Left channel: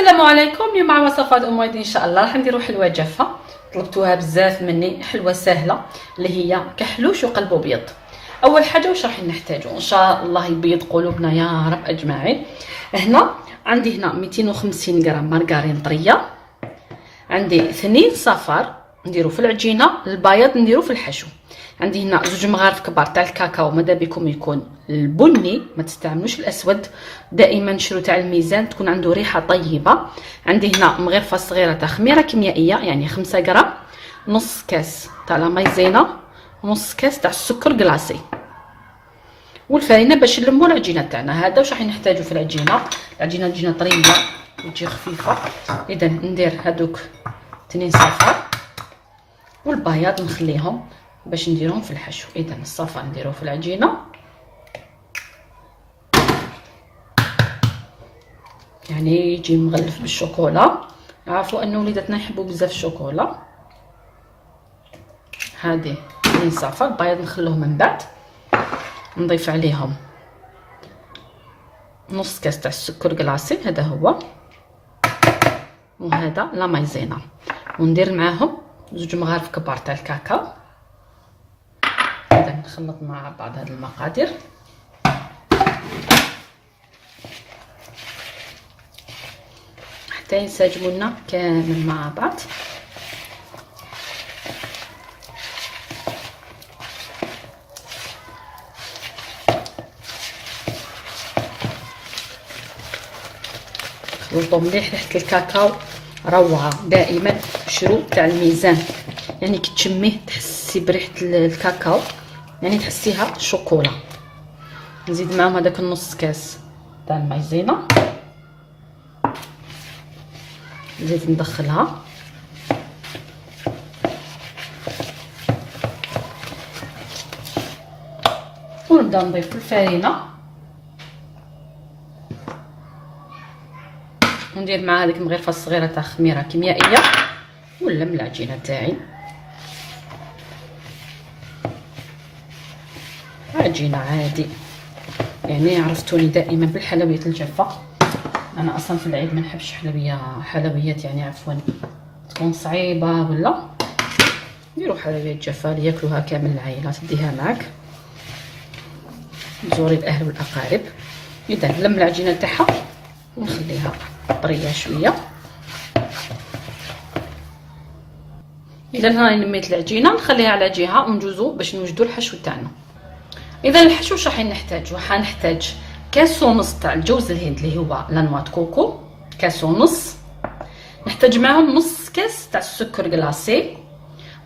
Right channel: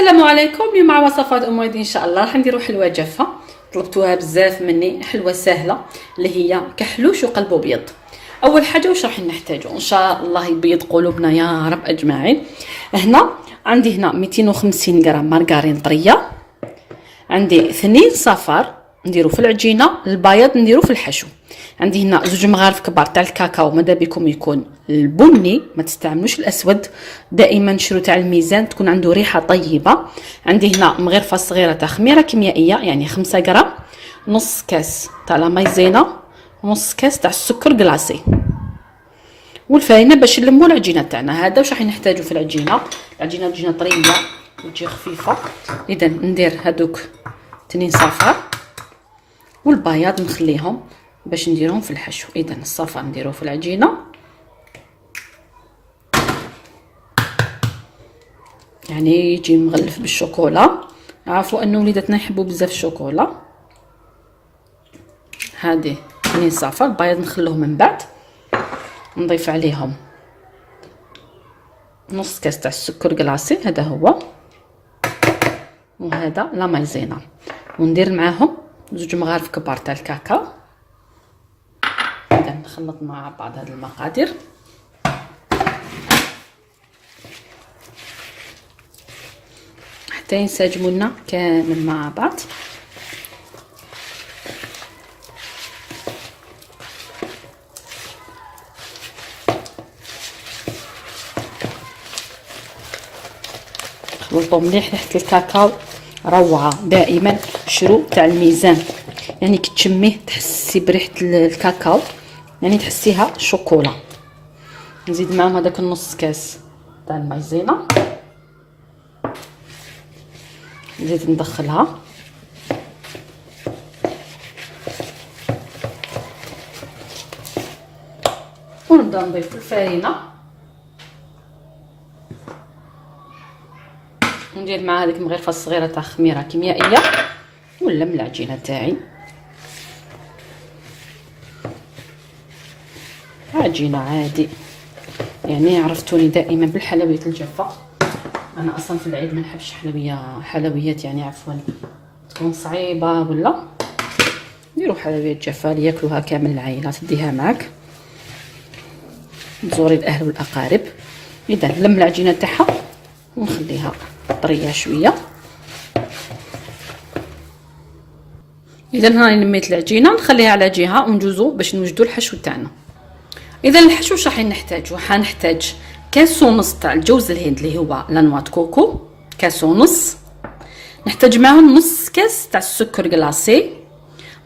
السلام عليكم. اليوم مع وصفات ام ويدي ان شاء الله راح نديروا حلوه جافه طلبتوها بزاف مني. حلوه سهله اللي هي كحلوش وقلب ابيض. اول حاجه واش راح نحتاجو ان شاء الله يبيض قلوبنا يا رب اجمعين. عندي هنا 250 غرام مارغرين طريه، عندي 2 صفار نديرو في العجينه، البياض نديرو في الحشو. عندي هنا 2 مغارف كبار تاع الكاكاو، ماذا بكم يكون البني، ما تستعملوش الاسود، دائما شرو تاع الميزان تكون عنده ريحه طيبه. عندي هنا مغرفه صغيره تاع خميره كيميائيه يعني 5 غرام، نص كاس تاع لا مايزينا، ونص كاس تاع السكر كلاصي، والفارينه باش نلمو العجينه تاعنا. هذا واش راح نحتاجو في العجينه. العجينه طريه وتجي خفيفه. اذا ندير هذوك 2 صفار، والبياض نخليهم باش نديرهم في الحشو. اذا الصفار نديروه في العجينه، يعني يجي مغلف بالشوكولا. عارفوا ان وليداتنا يحبوا بزاف الشوكولا. هذه 2 صفار، البياض نخلوه من بعد، نضيف عليهم نص كاس تاع السكر كلاصي، هذا هو، وهذا لا مايزينا، وندير معاهم 2 مغارف كبار تاع الكاكاو. اذا نخلط مع بعض هذه المقادير حتى ينسجموا لنا كامل مع بعض. خلطوا مليح، ريحه الكاكاو روعه. دائما شرو تاع الميزان، يعني كي تشميه تحسي بريحه الكاكاو، يعني تحسيها شوكولا. نزيد معاهم هذاك النص كاس تاع المايزينا، نزيد ندخلها، ونبدا نضيف الفارينه، وندير مع هذيك المغرفه الصغيره تاع خميره كيميائيه، ونلم العجينه تاعي. عجينه عادي، يعني عرفتوني دائما بالحلويات الجافه. انا اصلا في العيد ما نحبش حلويات يعني عفوا تكون صعيبه، ولا نديروا حلويات جافه لياكلوها كامل العائله، تديها معك تزوري الاهل والاقارب. اذا نلم العجينه تاعها ونخليها طريه شويه. اذا هنا لميت العجينه، نخليها على جهه ونجوزو باش نوجدوا الحشو تاعنا. اذا الحشو واش راح نحتاجو؟ حنحتاج كاس ونص تاع الجوز الهند اللي هو لانوات كوكو، كاس ونص. نحتاج معاهم نص كاس تاع السكر كلاصي،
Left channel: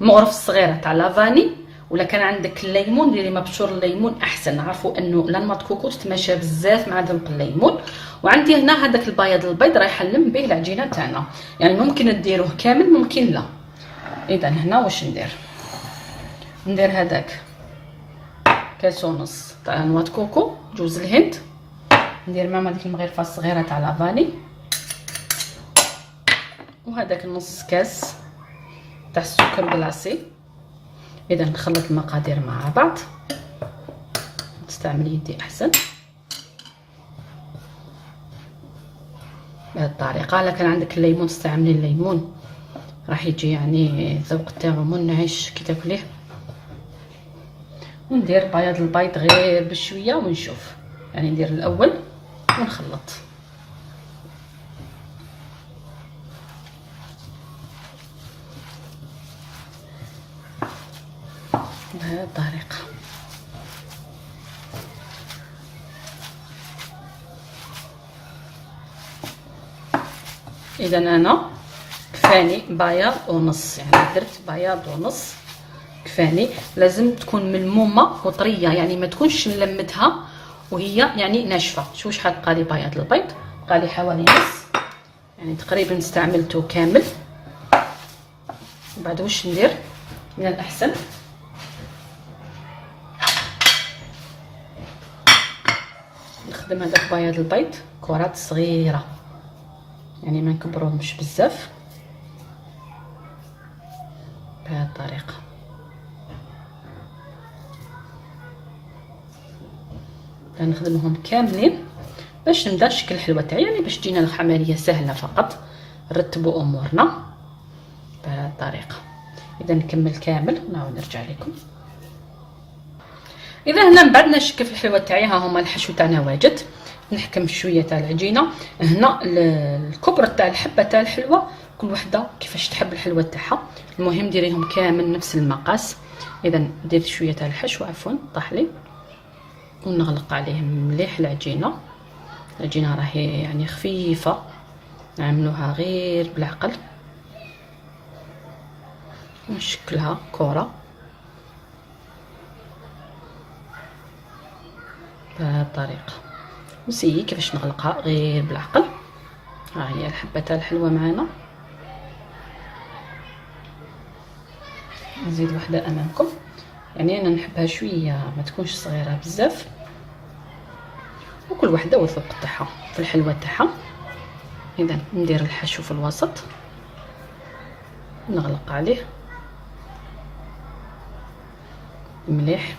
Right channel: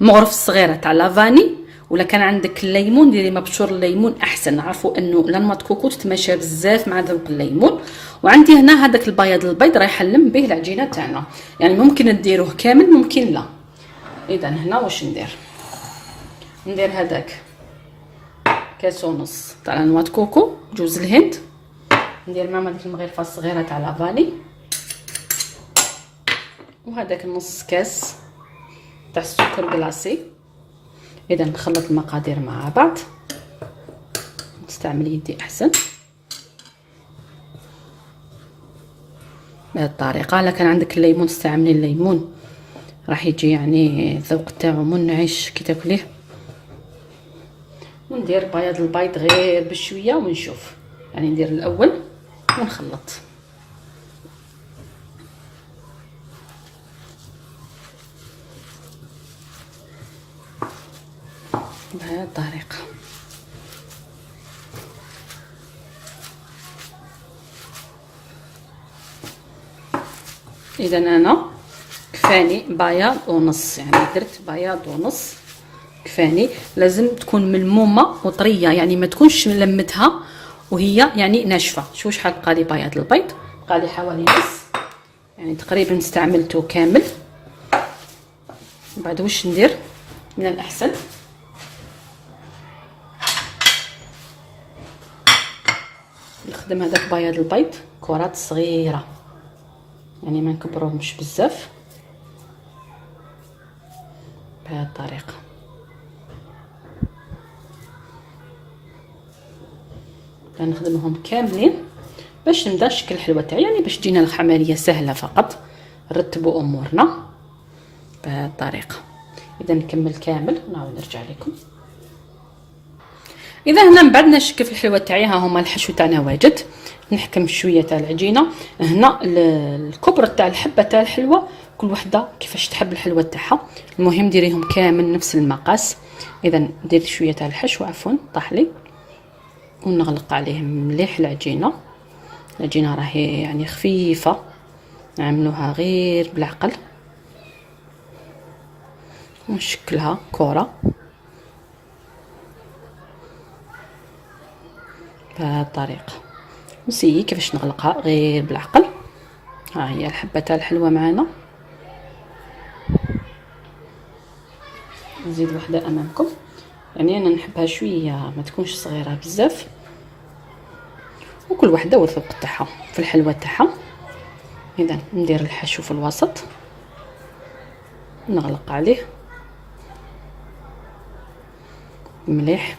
مغرف صغيره تاع لافاني، ولا كان عندك الليمون ديري مبشور الليمون احسن. عرفوا انه لانوات كوكو تتماشى بزاف مع ذوق الليمون. وعندي هنا هذاك البيض رايح نلم به العجينه تاعنا، يعني ممكن ديروه كامل ممكن لا. اذا هنا واش ندير هذاك كاس ونص تاع لانوات كوكو جوز الهند، ندير معهم هذيك المغرفه الصغيره تاع لافاني، وهذاك النص كاس تاع السكر كلاصي. اذا نخلط المقادير مع بعض، نستعمل يدي احسن بهذه الطريقه. الا كان عندك الليمون استعملي الليمون، راح يجي يعني الذوق تاعو منعش كي تاكليه. وندير بياض البيض غير بشويه ونشوف، يعني ندير الاول ونخلط بهذه الطريقه. اذا انا كفاني بياض ونص، يعني درت بياض ونص كفاني. لازم تكون ملمومه وطريه، يعني ما تكونش ملمتها وهي يعني ناشفه. شوفوا شحال بقى لي بياض البيض، بقى لي حوالي نص، يعني تقريبا استعملته كامل. وبعد واش ندير من الاحسن نخدم هذاك بياض البيض كرات صغيره، يعني ما نكبروهمش بزاف بهذه الطريقه. نخدمهم كاملين باش نبدا نشكل الحلوه تاعي، يعني باش تجينا العمليه سهله فقط. نرتبوا امورنا بهذه الطريقه. اذا نكمل كامل ونعاود نرجع لكم. اذا هنا من بعد نشكل في الحلوه تاعي، ها هما الحشو تاعنا واجد. نحكم شويه تاع العجينه. هنا الكبره تاع الحبه تاع الحلوه كل وحده كيفاش تحب الحلوه تاعها، المهم ديريهم كامل نفس المقاس. اذا ندير شويه تاع الحشو، عفوا طاح لي، ونغلق عليه مليح العجينه. العجينه راهي يعني خفيفه، نعملوها غير بالعقل ونشكلها كره بهذه الطريقه. نسيي كيفاش نغلقها غير بالعقل. ها هي الحبه تاع الحلوه معنا. نزيد وحده امامكم، يعني انا نحبها شويه ما تكونش صغيره بزاف، وكل وحده والذوق تاعها في الحلوه تاعها. اذا ندير الحشو في الوسط، نغلق عليه مليح.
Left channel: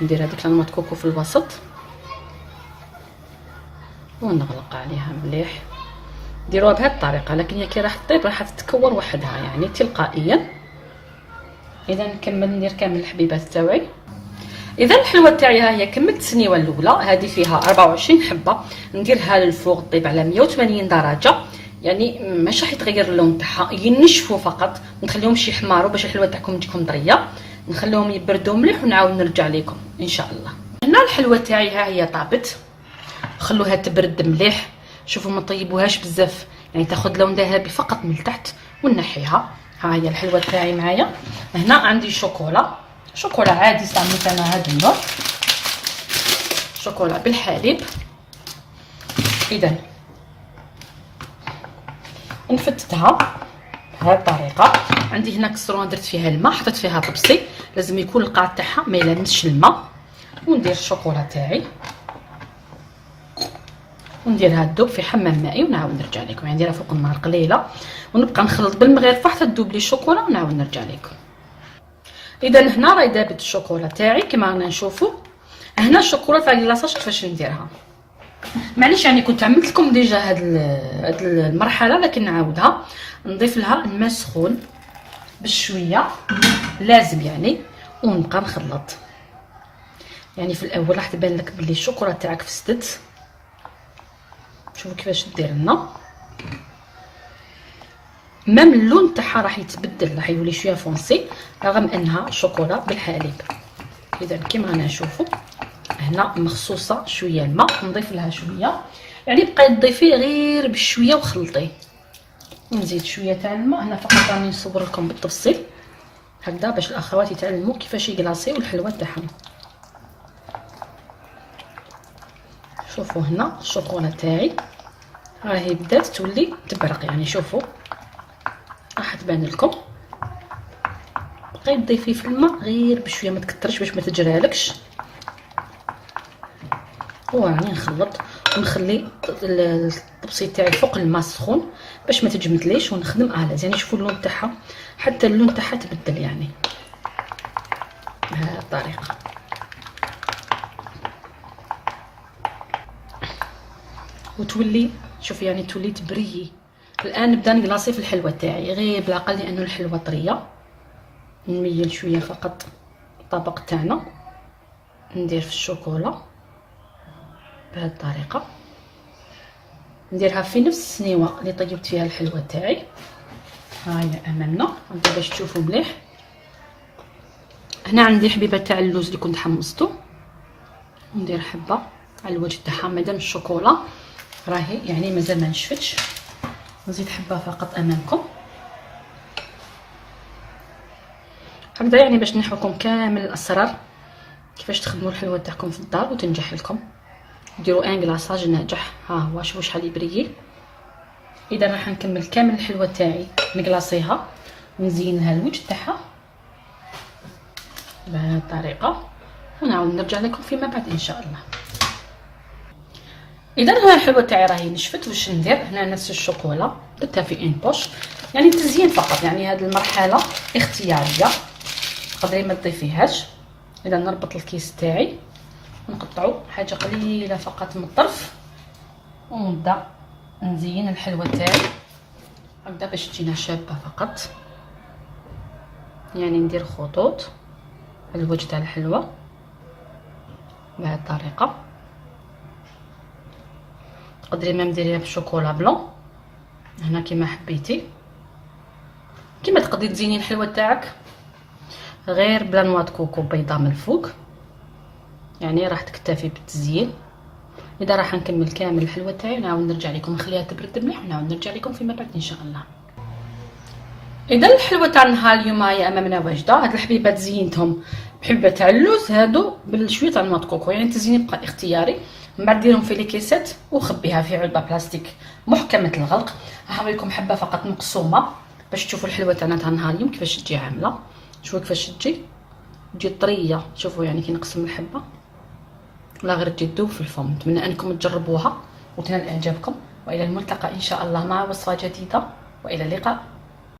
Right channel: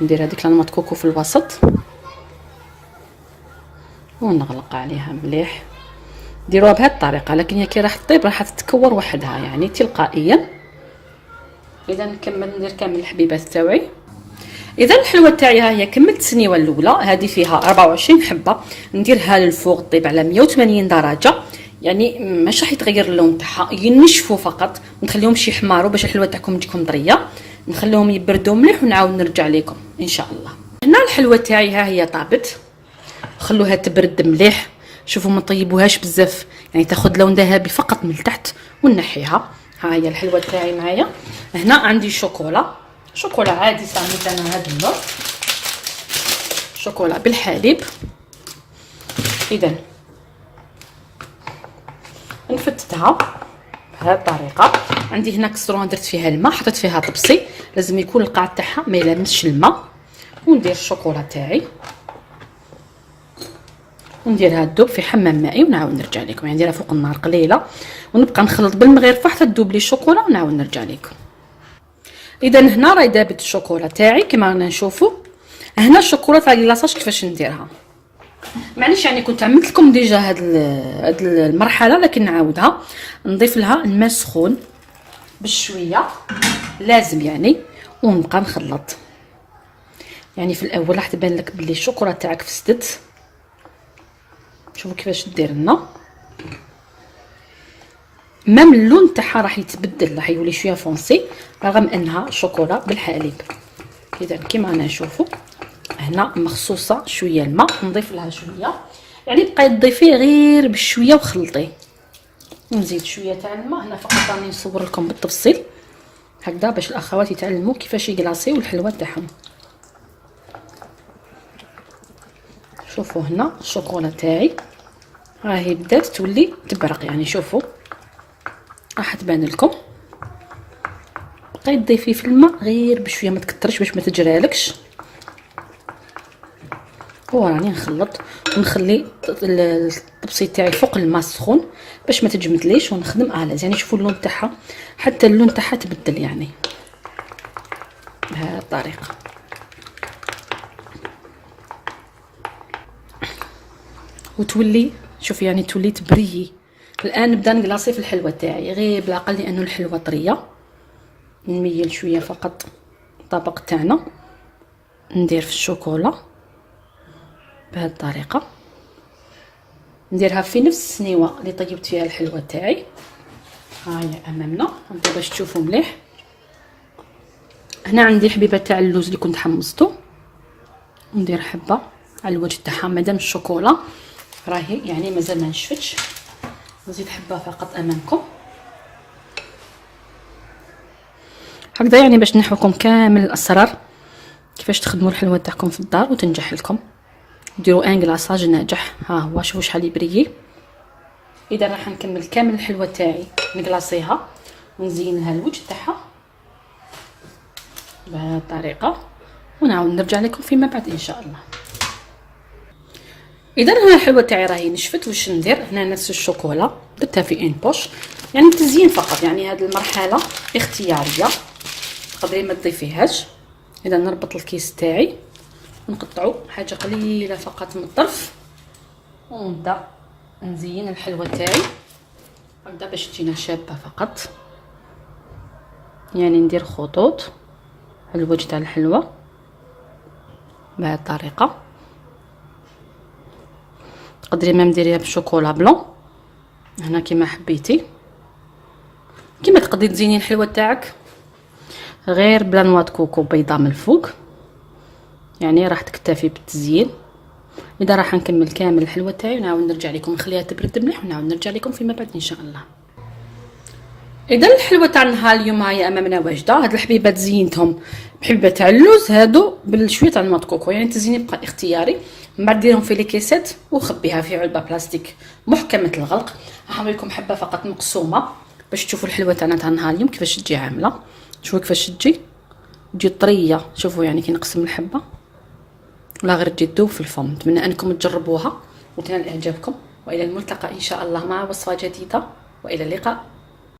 ندير هذيك لانماط كوكو في الوسط ونغلق عليها مليح. ديروها بهذه الطريقه، لكن هي كي راح تطيب راح تتكور وحدها يعني تلقائيا. اذا نكمل ندير كامل الحبيبات تاعي. اذا الحلوه تاعي ها هي كملت السنيوه الاولى، هذه فيها 24 حبه. نديرها للفوق طيب على 180 درجه، يعني مش راح يتغير اللون تاعها، ينشفوا فقط، نخليهمش يحمروا باش الحلوه تاعكم تجيكم طريه. نخليهم يبردوا مليح ونعاود نرجع لكم ان شاء الله. هنا الحلوه تاعي ها هي طابت، خلوها تبرد مليح. شوفوا ما طيبوهاش بزاف، يعني تاخذ لون ذهبي فقط من تحت ونحيها. ها هي الحلوه تاعي معايا. هنا عندي شوكولا عادي صامت انا هذا النوع، شوكولا بالحليب. اذا نفتتها بهذه الطريقه. عندي هنا كسرونه درت فيها الماء، حطيت فيها طبسي، لازم يكون القاع تاعها ما يلامسش الماء. وندير الشوكولا تاعي ونديرها تذوب في حمام مائي ونعاود نرجع لكم، يعني نديرها فوق النار قليله ونبقى نخلط بالمغرفه حتى تذوب لي الشوكولا ونعاود نرجع لكم. اذا هنا راهي دابت الشوكولا تاعي كما رانا نشوفوا. هنا الشوكولا تاع لاصاج كيفاش نديرها، معليش يعني كنت عملت لكم ديجا هاد المرحله، لكن نعاودها. نضيف لها الماء سخون بشويه لازم يعني، ونبقى نخلط. يعني في الاول راح تبان لك بلي الشوكولا تاعك فسدت. شوفوا كيفاش دير لنا، مام اللون تاعها راح يتبدل، راح يولي شويه فونسي رغم انها شوكولا بالحليب. اذا كيما رانا نشوفوا هنا مخصوصه شويه الماء، نضيف لها شويه، يعني بقاي تضيفيه غير بشويه وخلطيه. ونزيد شويه تاع الماء. هنا فقط راني نصور لكم بالتفصيل هكذا باش الاخوات يتعلموا كيفاش يكلاصيو الحلوه تاعهم. شوفوا هنا الشوكولا تاعي راهي بدات تولي تبرق، يعني شوفوا راح تبان لكم. بقاي تضيفي في الماء غير بشويه، ما تكترش باش ما تجرالكش. وراني نخلط ونخلي الطبسي تاعي فوق الماء السخون باش ما تجمدليش، ونخدم الاز. يعني شوفوا اللون تاعها، حتى اللون تاعها تبدل يعني بهذه الطريقه. وتولي شوفي يعني تولي تبريي. الان نبدا نكلاصي في الحلوه تاعي غير بالعقل لانه الحلوه طريه. نميل شويه فقط الطبق تاعنا، ندير في الشوكولا بهذه الطريقه، نديرها في نفس السنيوه اللي طيبت فيها الحلوه تاعي. ها هي امامنا نبدا باش تشوفوا مليح. هنا عندي حبيبه تاع اللوز اللي كنت حمصته، ندير حبه على الوجه تاعها مادام الشوكولا راهي يعني مازال ما نشفتش. نزيد حبه فقط امامكم هكذا، يعني باش نحو لكم كامل الاسرار كيفاش تخدموا الحلوه تاعكم في الدار وتنجح لكم. ديروا ان كلاصاج ناجح. ها هو شوفوا شحال يبريي. اذا راح نكمل كامل الحلوه تاعي نكلاصيها ونزين لها الوجه تاعها بهذه الطريقه، ونعاود نرجع لكم فيما بعد ان شاء الله. اذا هنا الحلوه تاعي راهي نشفت. واش ندير هنا؟ نفس الشوكولا درتها في ان بوش، يعني تزيين فقط، يعني هذه المرحله اختياريه تقدري ما تضيفيهاش. اذا نربط الكيس تاعي نقطعو حاجه قليله فقط من الطرف ونبدا نزين الحلوه تاعي. نبدا باش تجينا شابه فقط، يعني ندير خطوط على الوجه تاع الحلوه بهذه الطريقه. تقدري ما ديريها بالشوكولا بلون هنا كيما حبيتي، كيما تقدري تزيني الحلوه تاعك غير بلا نوا د كوكو بيضه من الفوق، يعني راح تكتفي بالتزيين. اذا راح نكمل كامل الحلوه تاعي ونعاود نرجع لكم، نخليها تبرد مليح ونعاود نرجع لكم فيما بعد ان شاء الله. اذا الحلوه تاع نهار اليوم هي امامنا واجده. هاد الحبيبات زينتهم بحبه تاع اللوز هادو بالشويه تاع نوا د كوكو، يعني التزيين يبقى اختياري. من بعد ديرهم في لي كيسات وخبيها في علبه بلاستيك محكمه الغلق. نوريكم حبه فقط مقسومه باش تشوفوا الحلوه تاعنا تاع نهار اليوم كيفاش تجي عامله. شوفوا كيفاش تجي طريه. شوفوا يعني كي نقسم الحبه لا غير تجي تذوب في الفم. نتمنى انكم تجربوها وتنال اعجابكم، والى الملتقى ان شاء الله مع وصفه جديده، والى اللقاء.